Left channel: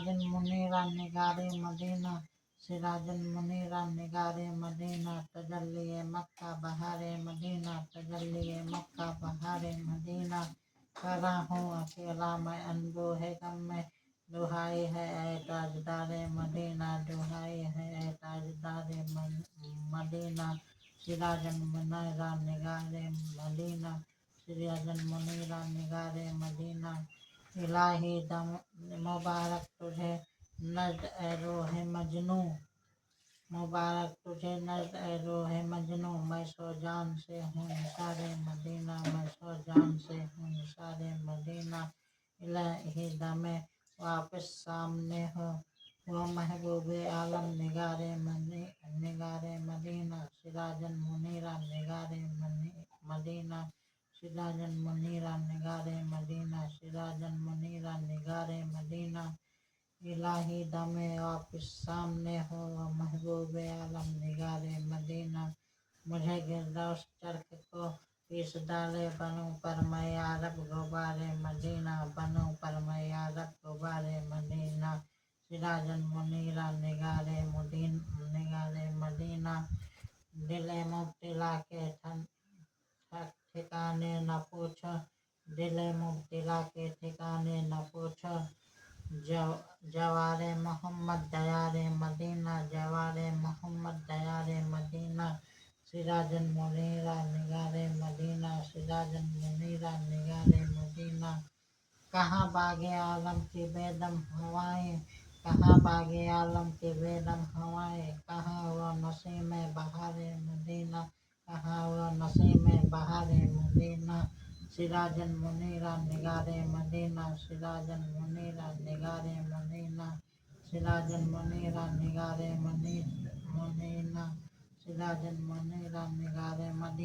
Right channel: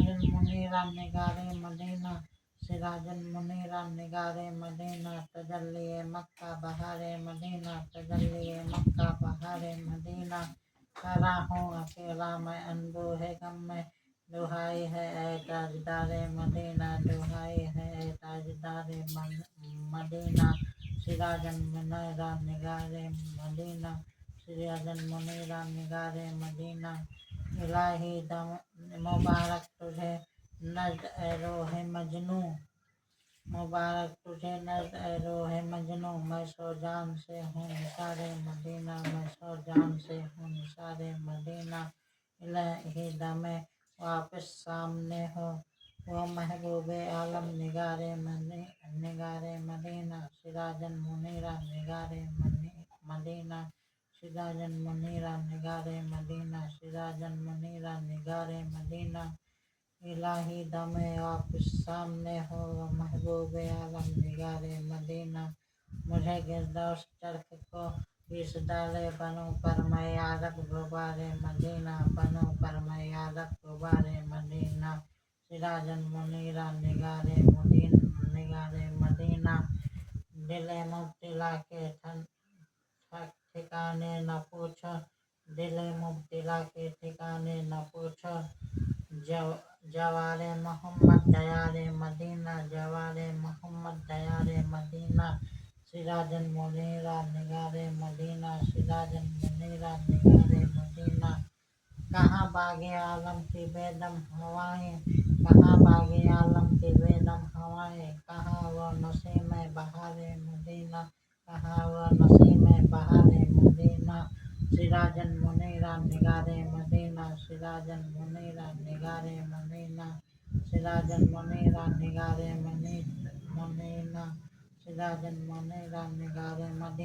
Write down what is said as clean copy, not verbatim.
सिराजन मुनीरा निगारे मदीना सिराजन मुनीरा निगारे मदीना तजल्ली मक्का बहारे मदीना तजल्ली मक्का बहारे मदीना खड़ा हूँ अकेला मैं अनबूहे गम में दुहाई है ऐ ताजदारे मदीना दुहाई है ऐ ताजदारे मदीना सिराजन मुनीरा निगारे मदीना सिराजन मुनीरा निगारे मदीना इलाही दम मुबारक तुझे नज़्द ए रोहे मजनू मुबारक तुझे नज़्द ए रोहे मजनू मैं सो जान से हूँ निसारे मदीना मैं सो जान से हूँ निसारे मदीना इलाही दमे वापस सामने हो वो महबूब आलम निगारे मदीना सिराजन मुनीरा निगारे मदीना सिराजन मुनीरा निगारे मदीना सिराजन मुनीरा निगारे मदीना इलाही दमे वापस सामने हो महबूब आलम निगारे मदीना मुझे गिरदौस चरख को पीस डाले बनूं पर मैं यारब गुबारे मदीना बनूं पर मैं यारब गुबारे मदीना सिराजन मुनीरा निगारे मदीना दिले मुब्तिला के ठिकाने न पूछ दिले मुब्तिला के ठिकाने न पूछ जवारे मोहम्मद दयारे मदीना जवारे मोहम्मद दयारे मदीना सिराजन मुनीरा निगारे मदीना सिराजन मुनीरा निगारे मदीना कहाँ बागे आलम की बेदम हवाएं कहाँ बागे आलम की बेदम हवाएं कहाँ वो नसीम बहारे मदीना कहाँ वो नसीम बहारे मदीना सिराजन मुनीरा निगारे मदीना सिराजन मुनीरा निगारे मदीना सिराजन मुनीरा निगारे मदीना सिराजन मुनीरा निगारे मदीना